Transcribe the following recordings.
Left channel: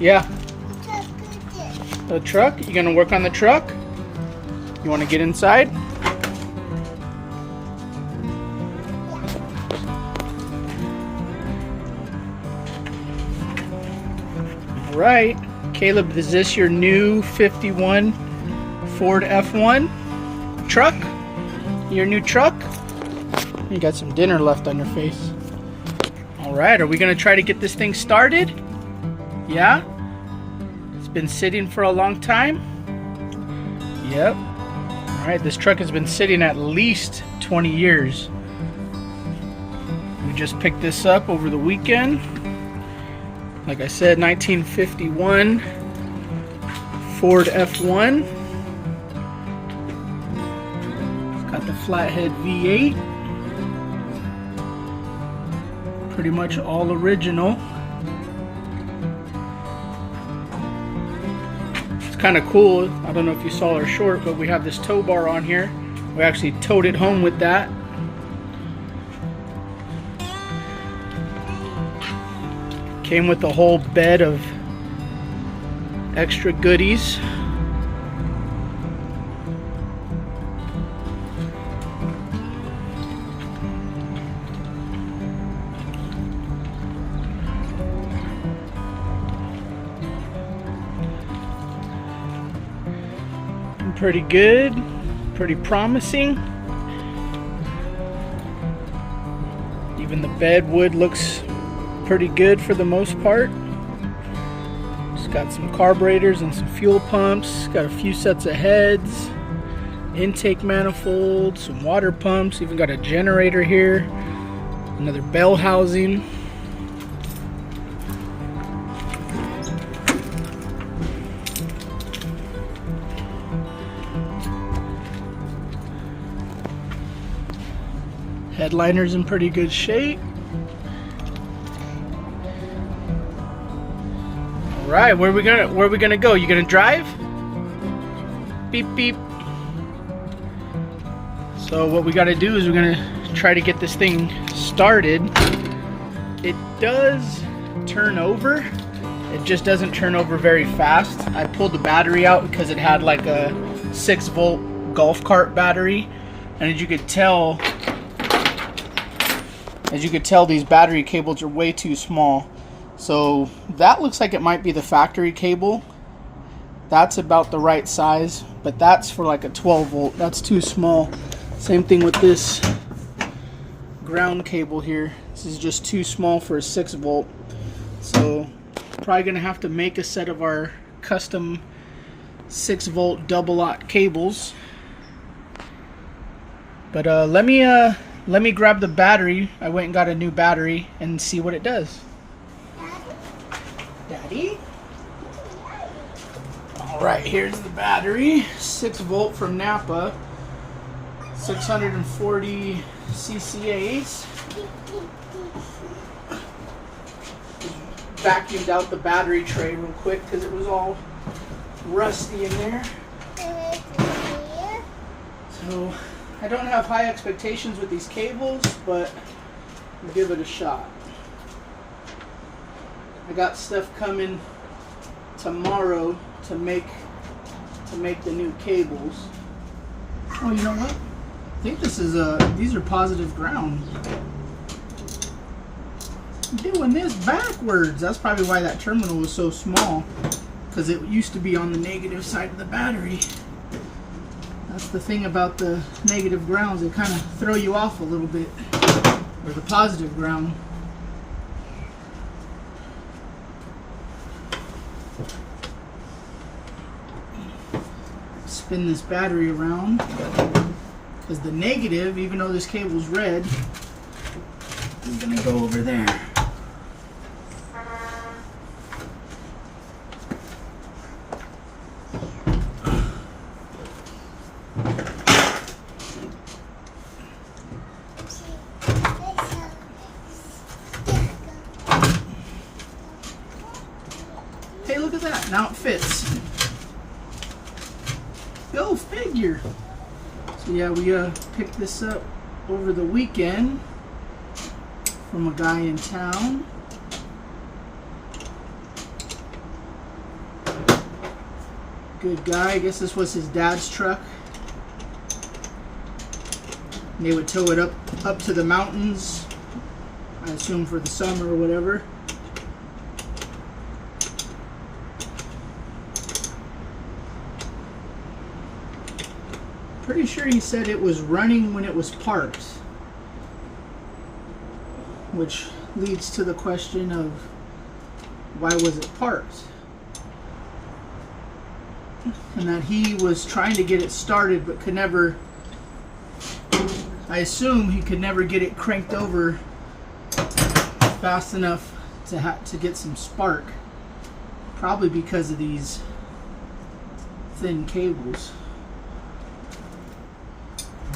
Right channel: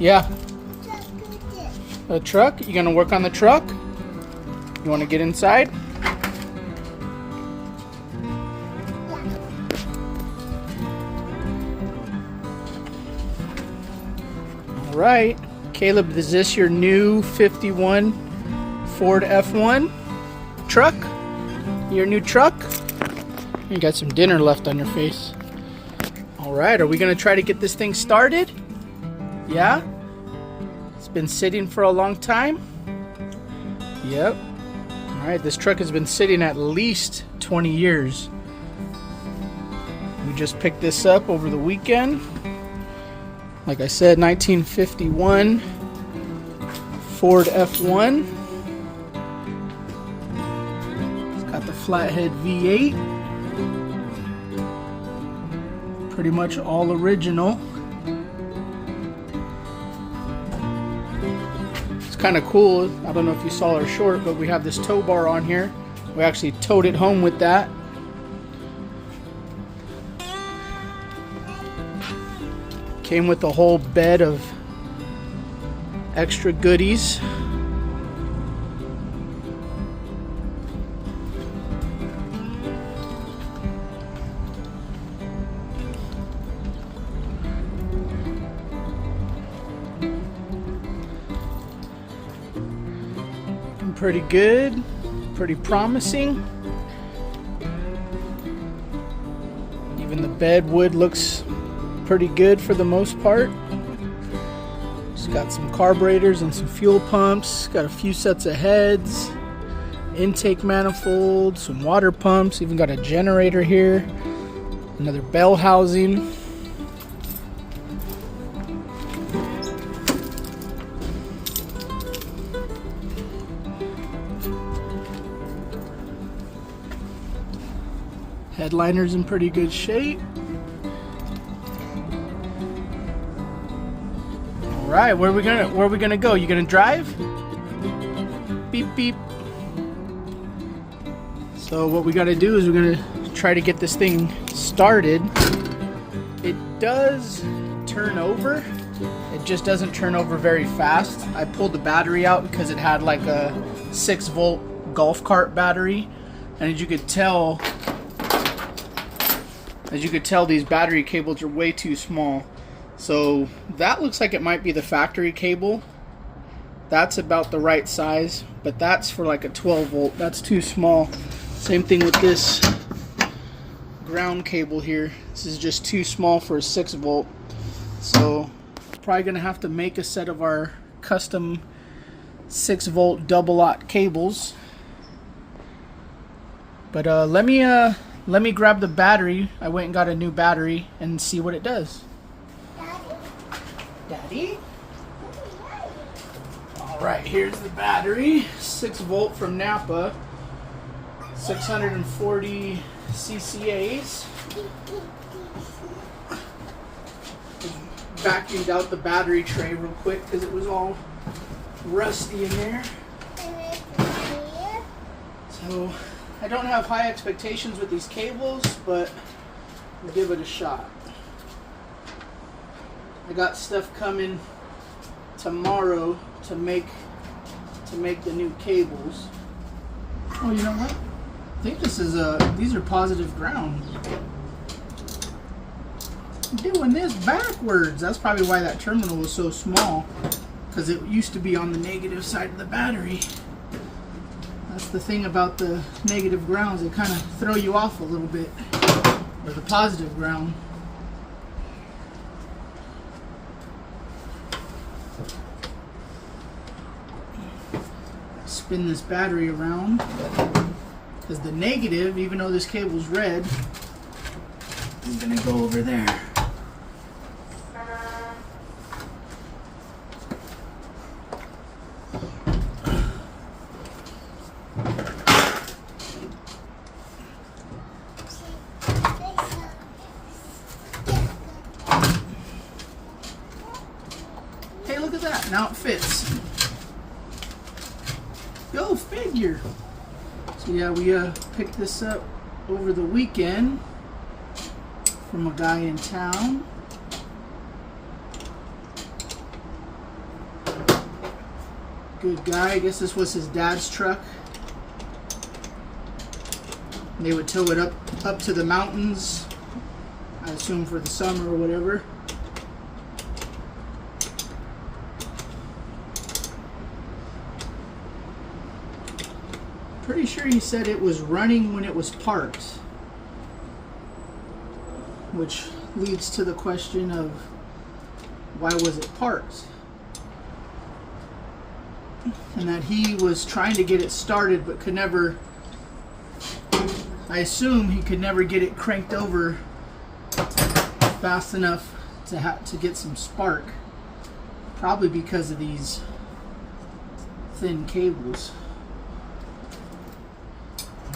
Yeah. The truck? You gonna work on the truck? You wanna get inside? All right. Caleb, is this your new 51 Ford F1 truck? Your new truck? You got some dinner left on your face. All right, are we gonna try to get this thing started? Yeah? It's been sitting for a long time? Yep. All right, this truck has been sitting at least 20 years. We just picked this up over the weekend. Like I said, 1951 Ford F1. It's got the Flathead V8. Pretty much all original. It's kind of cool. I don't know if you saw our short, but we have this tow bar on here. We actually towed it home with that. Came with a whole bed of extra goodies. Pretty good, pretty promising. Even the bed wood looks pretty good for the most part. It's got some carburetors and some fuel pumps. Got a few sets of heads, intake manifolds, some water pumps. Even got a generator here, another bell housing. Headliner's in pretty good shape. All right, where are we gonna go? You gonna drive? Beep beep. So what we gotta do is we're gonna try to get this thing started. It does turn over. It just doesn't turn over very fast. I pulled the battery out because it had like a 6-volt golf cart battery, and as you could tell, these battery cables are way too small. So that looks like it might be the factory cable. That's about the right size, but that's for like a 12 volt. That's too small. Same thing with this ground cable here. This is just too small for a 6 volt. So probably gonna have to make a set of our custom 6 volt double aught cables. But let me grab the battery. I went and got a new battery and see what it does. Daddy? Alright, here's the battery. 6 volt from Napa. 640 CCAs. Vacuumed out the battery tray real quick because it was all rusty in there. So I don't have high expectations with these cables, but we'll give it a shot. I got stuff coming tomorrow to make the new cables. Oh, you know what? I think this is these are positive ground. I'm doing this backwards. That's probably why that terminal was so small, because it used to be on the negative side of the battery. That's the thing about the negative grounds, they kind of throw you off a little bit. Or the positive ground. Spin this battery around, because the negative, even though this cable's red, is going to go over there. Hey, look at that. Now it fits. Go figure. So yeah, we picked this up over the weekend from a guy in town. Good guy. I guess this was his dad's truck. And they would tow it up to the mountains, I assume for the summer or whatever. Pretty sure he said it was running when it was parked, which leads to the question of why was it parked? And that he was trying to get it started but could never, I assume he could never get it cranked over fast enough to get some spark, probably because of these thin cables.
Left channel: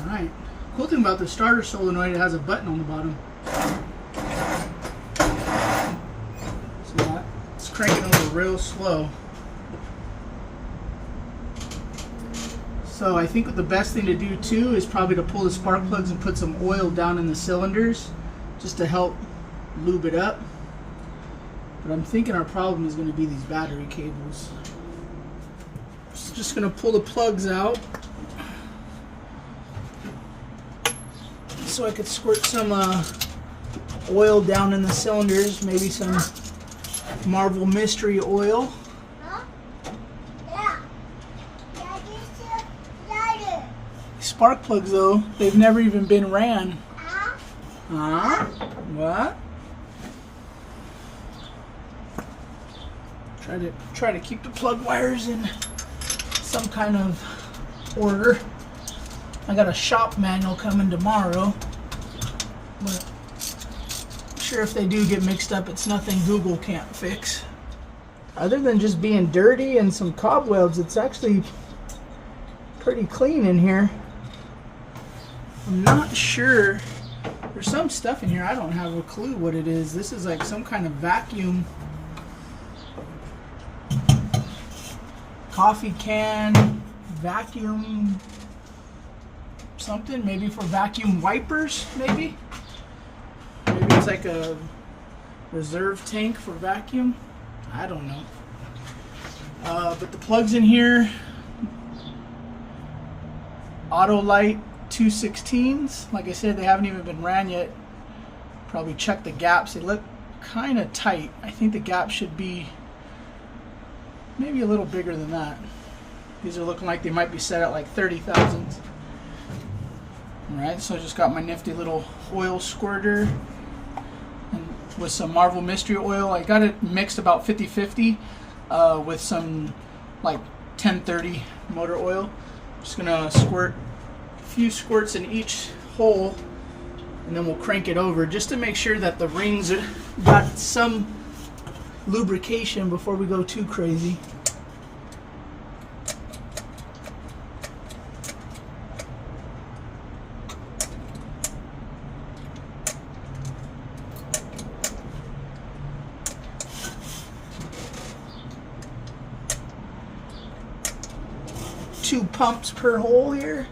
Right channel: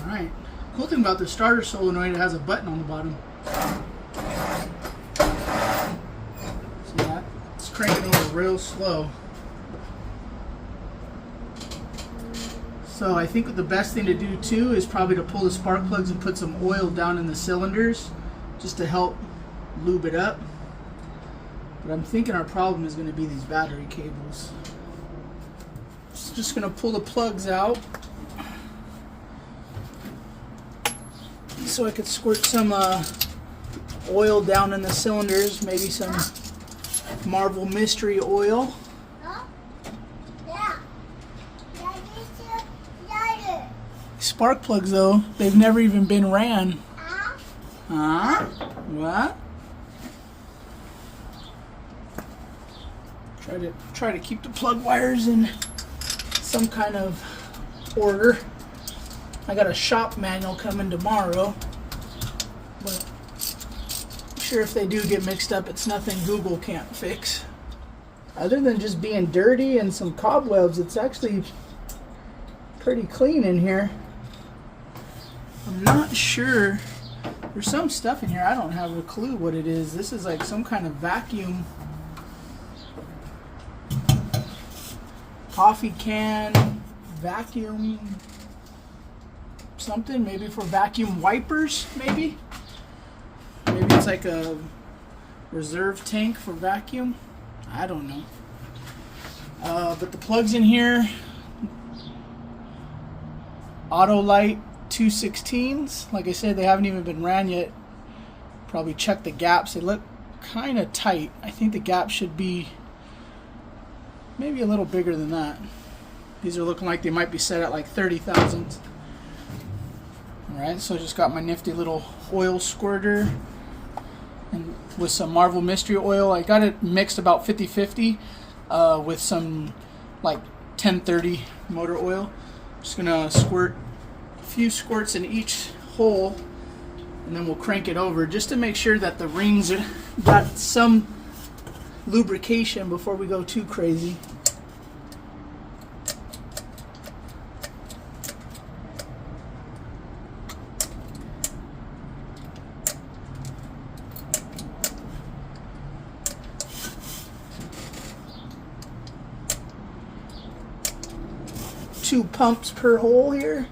Alright, cool thing about the starter solenoid, it has a button on the bottom. See that? It's cranking over real slow. So I think the best thing to do too is probably to pull the spark plugs and put some oil down in the cylinders just to help lube it up. But I'm thinking our problem is going to be these battery cables. Just going to pull the plugs out so I could squirt some oil down in the cylinders, maybe some Marvel Mystery Oil. Spark plugs though, they've never even been ran. What? Try to keep the plug wires in some kind of order. I got a shop manual coming tomorrow, but I'm sure if they do get mixed up, it's nothing Google can't fix. Other than just being dirty and some cobwebs, it's actually pretty clean in here. I'm not sure. There's some stuff in here I don't have a clue what it is. This is like some kind of vacuum. Coffee can, vacuum, something, maybe for vacuum wipers, maybe? Maybe it's like a reserve tank for vacuum. I don't know. But the plugs in here, Autolite 216s. Like I said, they haven't even been ran yet. Probably check the gaps. They look kind of tight. I think the gap should be maybe a little bigger than that. These are looking like they might be set at like 30 thousandths. Alright, so I just got my nifty little oil squirter and with some Marvel Mystery Oil. I got it mixed about 50-50 with some like 1030 motor oil. Just gonna squirt a few squirts in each hole and then we'll crank it over just to make sure that the rings got some lubrication before we go too crazy. Two pumps per hole here.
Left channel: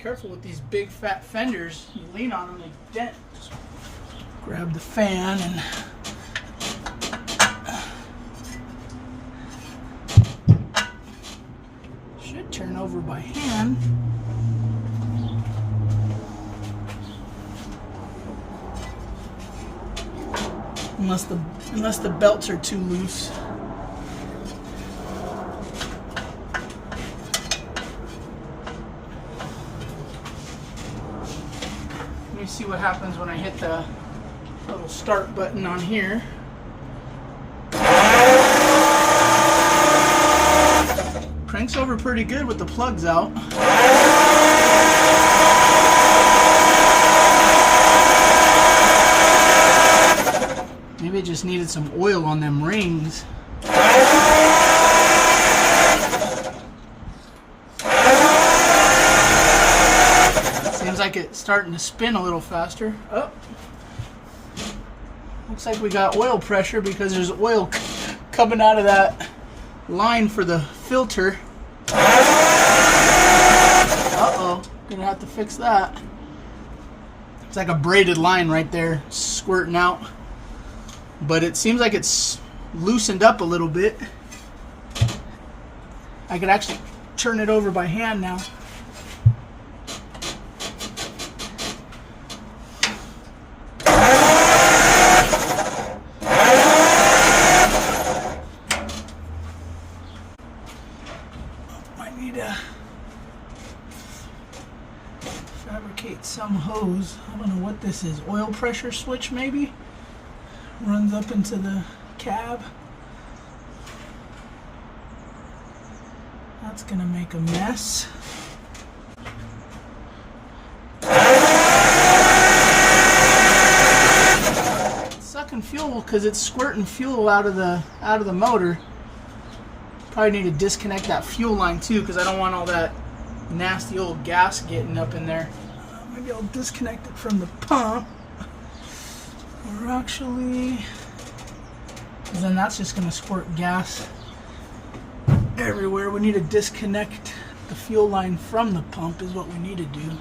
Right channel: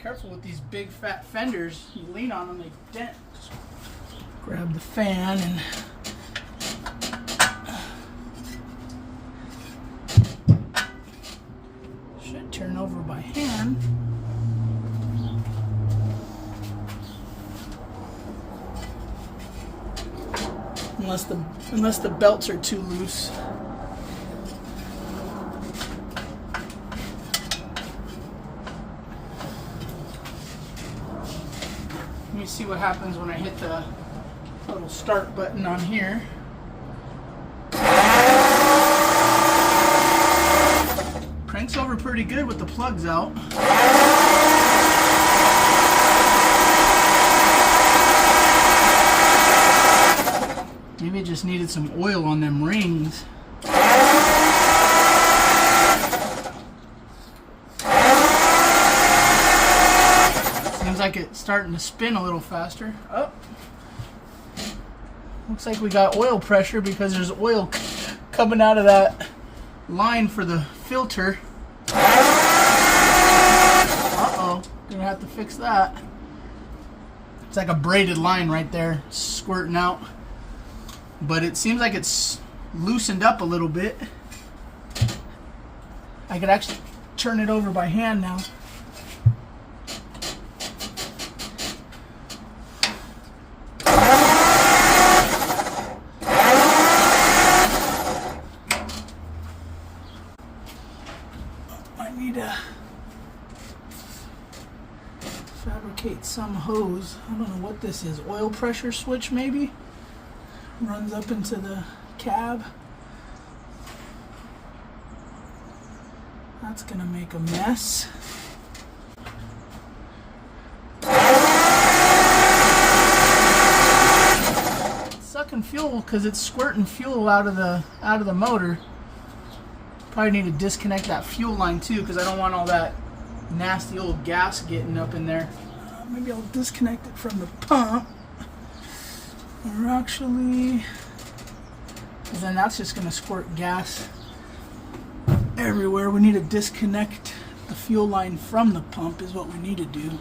Careful with these big fat fenders. You lean on them, they dent. Just grab the fan and should turn over by hand. Unless the belts are too loose. Let me see what happens when I hit the little start button on here. Cranks over pretty good with the plugs out. like it's starting to spin a little faster. Oh, looks like we got oil pressure because there's oil coming out of that line for the filter. Uh-oh, gonna have to fix that. It's like a braided line right there squirting out. But it seems like it's loosened up a little bit. I could actually turn it over by hand now. I need to fabricate some hose. I don't know what this is. Oil pressure switch maybe? Runs up into the cab. That's gonna make a mess. It's sucking fuel because it's squirting fuel out of the motor. Probably need to disconnect that fuel line too because I don't want all that nasty old gas getting up in there. Maybe I'll disconnect it from the pump. Or actually, because then that's just gonna squirt gas everywhere. We need to disconnect the fuel line from the pump is what we need to do.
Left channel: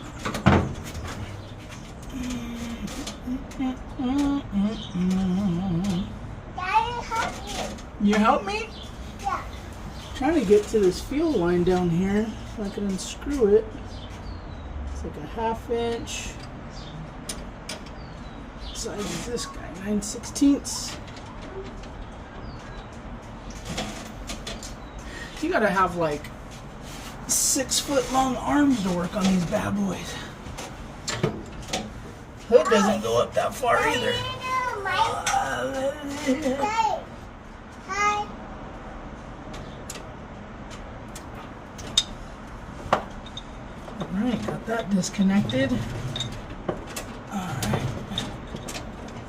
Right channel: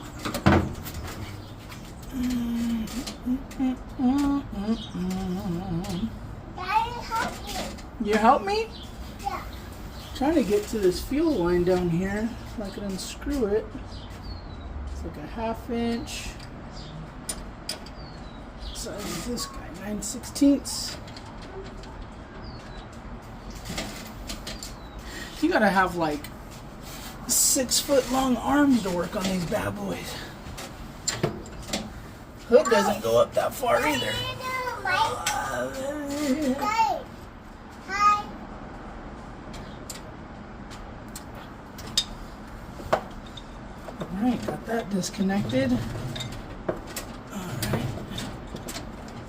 Daddy, help you. You help me? Yeah. Trying to get to this fuel line down here so I can unscrew it. It's like a 1/2 inch. What size is this guy? 9/16. You gotta have like 6-foot long arms to work on these bad boys. Hood doesn't go up that far either. Hi. Hi. Alright, got that disconnected. Alright.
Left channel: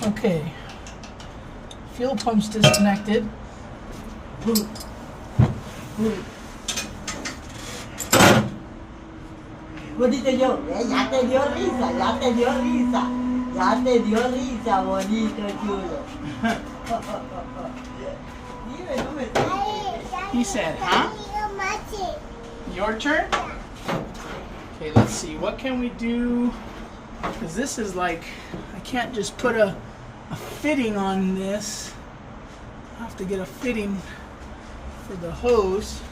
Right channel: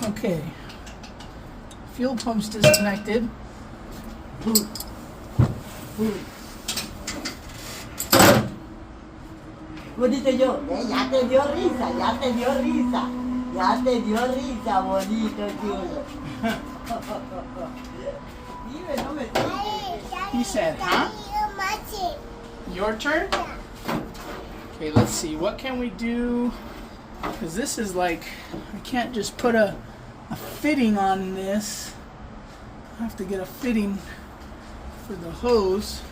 Okay. Fuel pump's disconnected. Bonito yo, ya te dio risa, ya te dio risa, ya te dio risa, bonito chulo. Dime, no me toques. He said, huh? Your turn? Okay, let's see. What can we do? Because this is like, I can't just put a fitting on this. I have to get a fitting for the hose.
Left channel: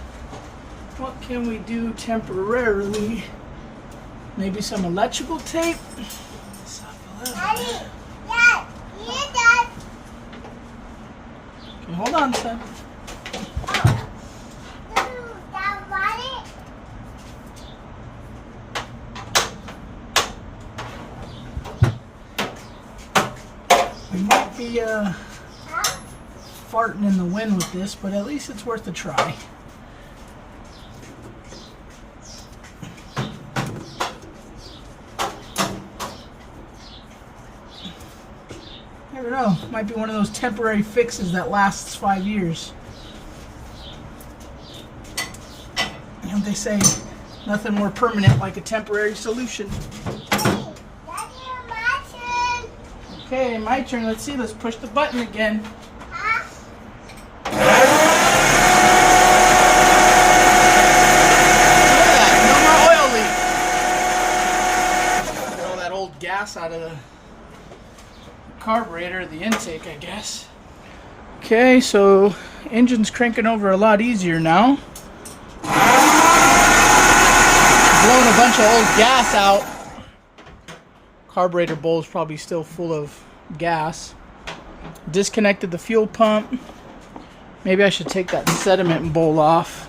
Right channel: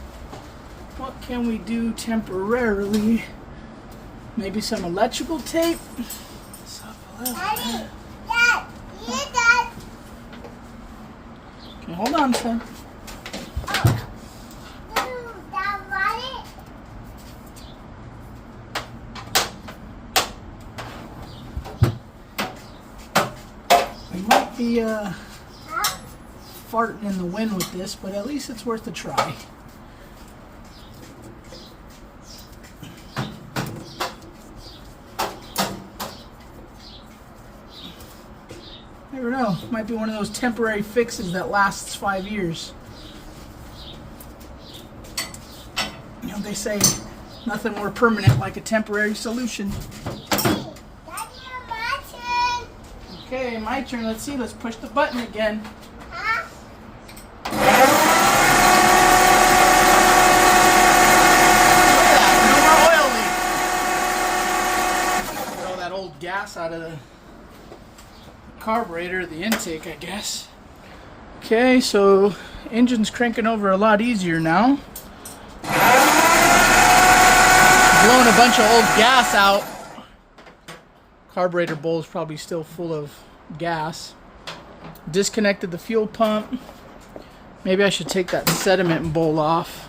What can we do temporarily? Maybe some electrical tape? Daddy, Dad, here, Dad. Okay, hold on, son. Dad, want it? We might be Huh? farting in the wind with this, but at least it's worth a try. Never know. Might be one of those temporary fixes that lasts 5 years. You know, they say nothing more permanent like a temporary solution. Daddy, my turn. Okay, my turn. Let's see. Let's push the button again. Huh? Oil leak. Get all that old gas out of the carburetor, the intake, I guess. Okay, so engine's cranking over a lot easier now. Blowing a bunch of old gas out. Carburetor bowl is probably still full of gas. Disconnected the fuel pump. Maybe I should take that sediment bowl off.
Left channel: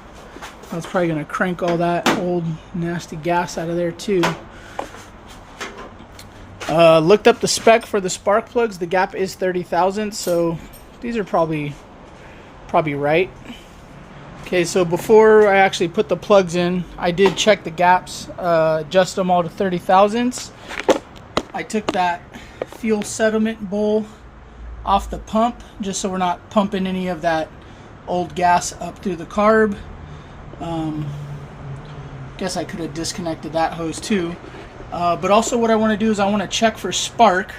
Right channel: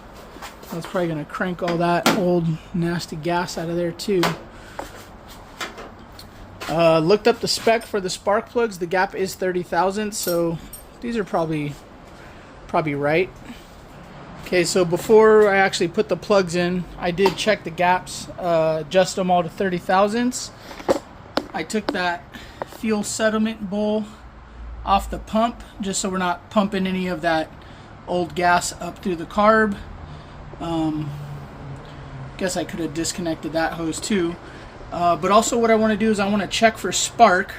That's probably going to crank all that old nasty gas out of there too. Looked up the spec for the spark plugs. The gap is 30 thousandths, so these are probably right. Okay, so before I actually put the plugs in, I did check the gaps, adjust them all to 30 thousandths. I took that fuel sediment bowl off the pump just so we're not pumping any of that old gas up through the carb. Guess I could have disconnected that hose too. But also what I want to do is I want to check for spark.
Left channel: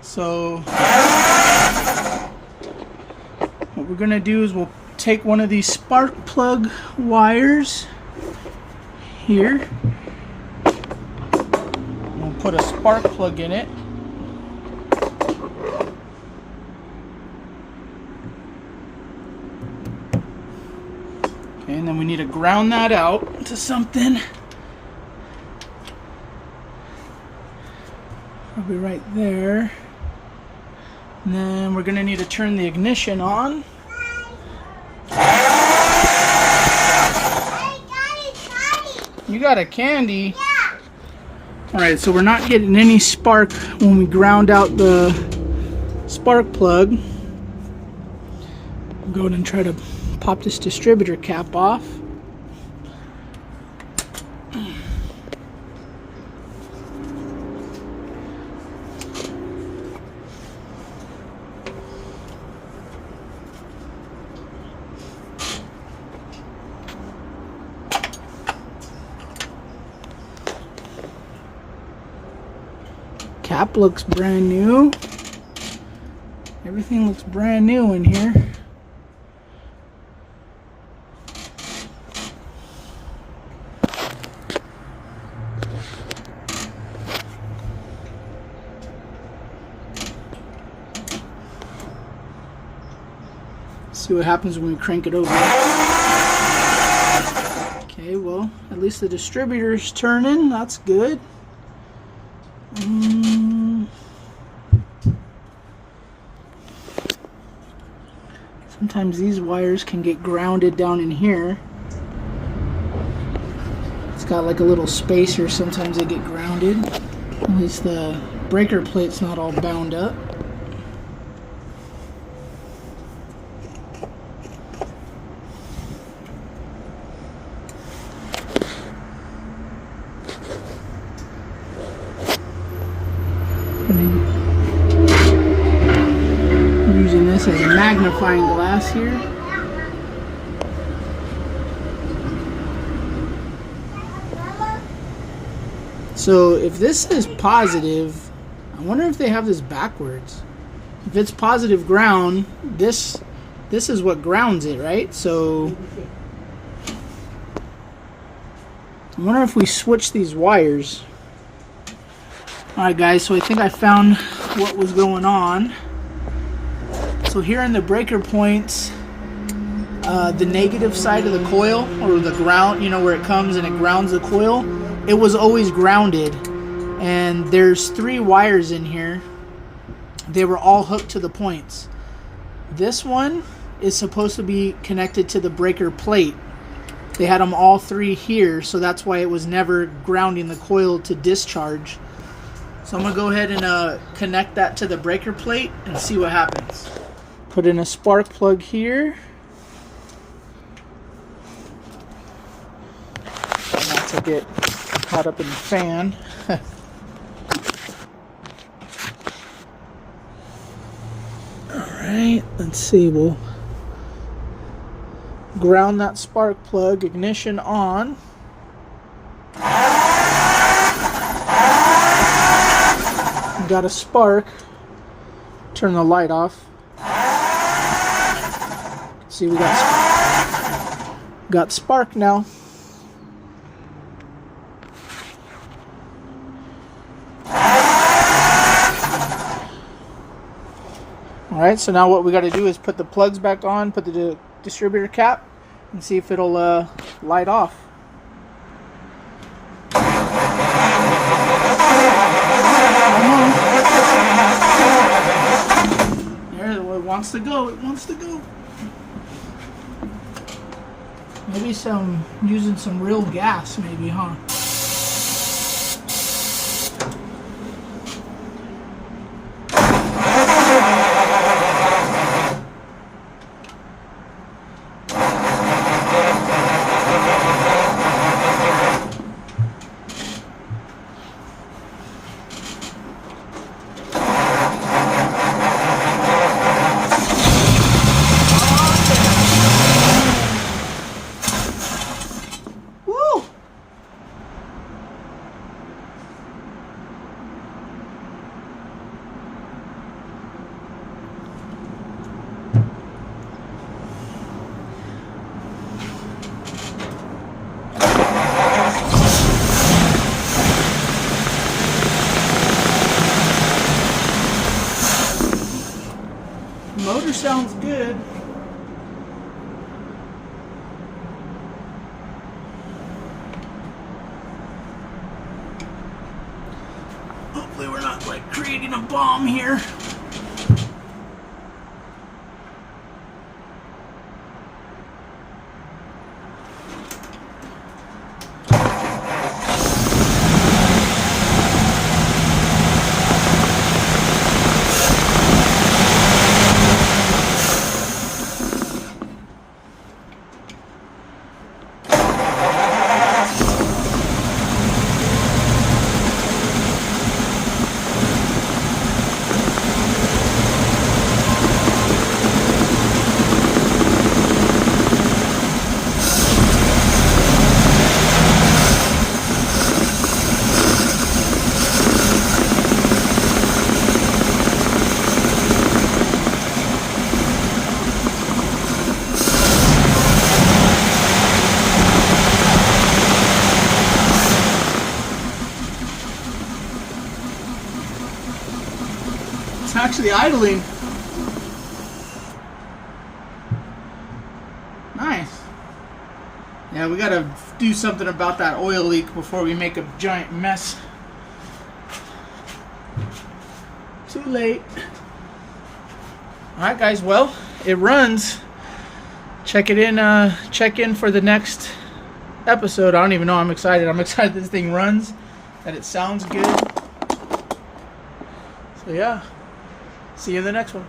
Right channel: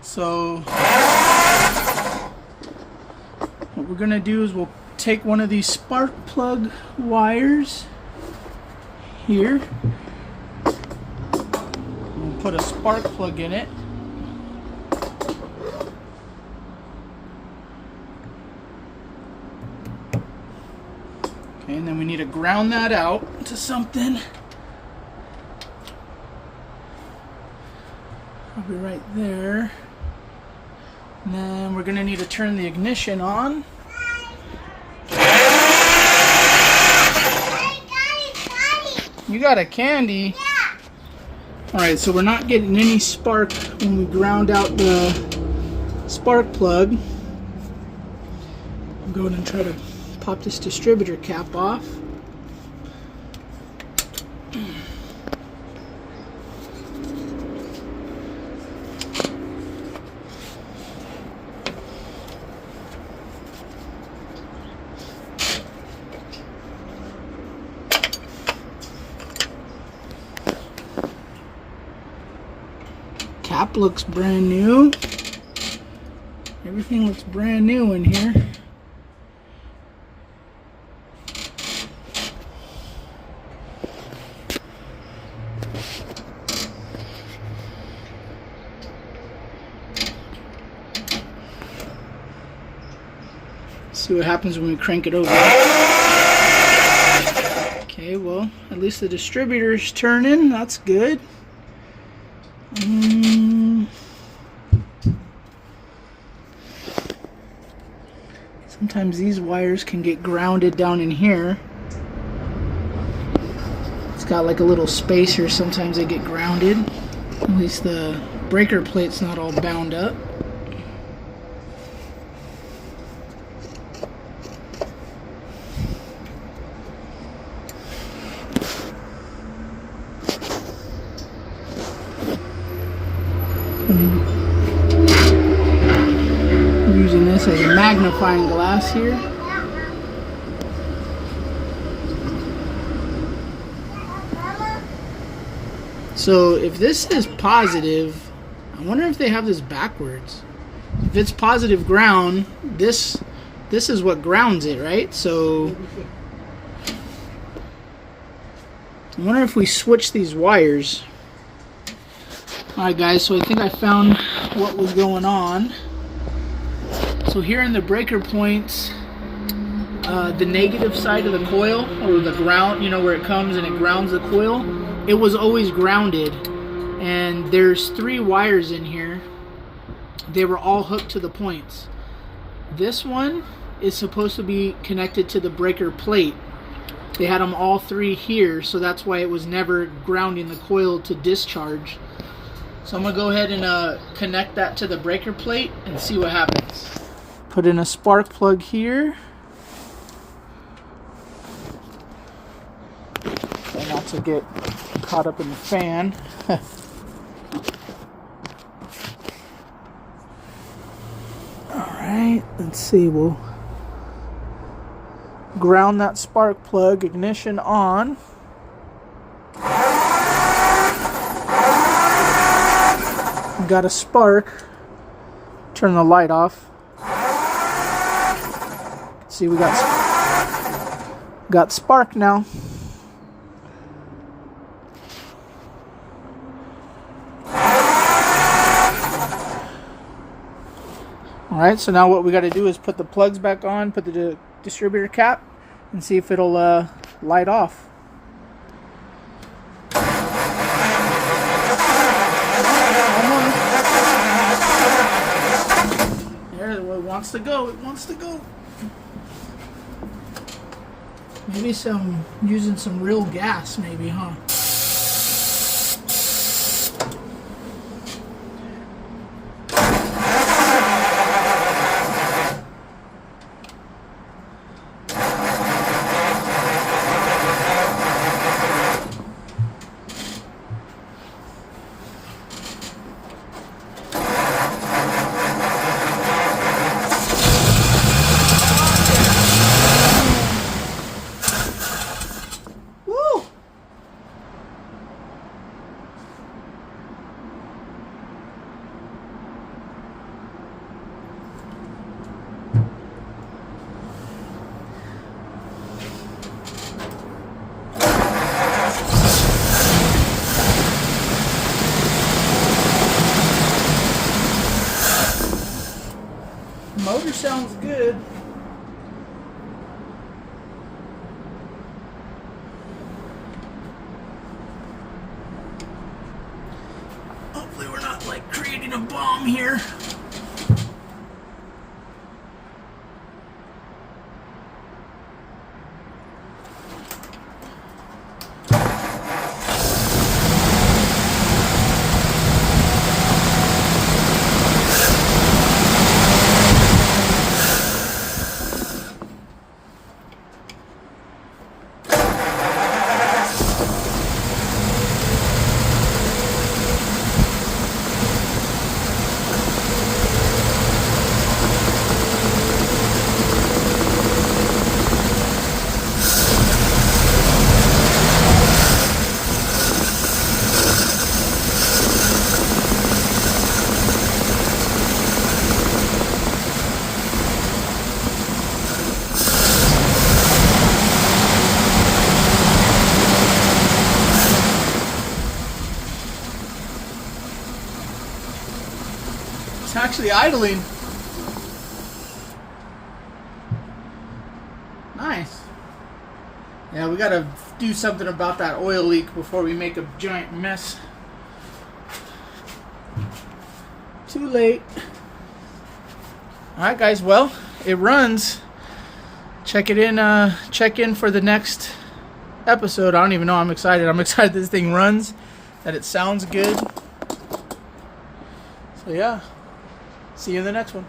So what we're going to do is we'll take one of these spark plug wires here. We'll put a spark plug in it. Okay, and then we need to ground that out to something. Probably right there. And then we're going to need to turn the ignition on. You got a candy? Yeah. Alright, so we're not getting any spark when we ground out the spark plug. I'll go ahead and try to pop this distributor cap off. Cap looks brand new. Everything looks brand new in here. See what happens when we crank it over. Okay, well, at least the distributor's turning. That's good. Sometimes these wires can get grounded down in here. It's got like a little spacer. Sometimes they get grounded. At least the breaker plate's not all bound up. Using this as a magnifying glass here. So if this is positive, I wonder if they have this backwards. If it's positive ground, this is what grounds it, right? So I wonder if we switch these wires. Alright guys, so I think I found what was going on. So here in the breaker points, the negative side of the coil, or the ground, you know, where it comes and it grounds the coil, it was always grounded. And there's 3 wires in here. They were all hooked to the points. This one is supposed to be connected to the breaker plate. They had them all 3 here, so that's why it was never grounding the coil to discharge. So I'm going to go ahead and connect that to the breaker plate and see what happens. Put in a spark plug here. Try not to get caught up in the fan. Alright, let's see. We'll ground that spark plug, ignition on. Got a spark. Turn the light off. See, we got spark now. Alright, so now what we got to do is put the plugs back on, put the distributor cap, and see if it'll light off. There, it wants to go, it wants to go. Maybe using some real gas, maybe, huh? sounds good. Hopefully we're not like creating a bomb here. It's actually idling. Nice. Yeah, we gotta do something about that oil leak before we make a giant mess. Too late. Alright guys, well, it runs. Check in for the next episode. I don't even know, I'm excited. I'm excited this thing runs, that it sounds good. So yeah. See you in the next one.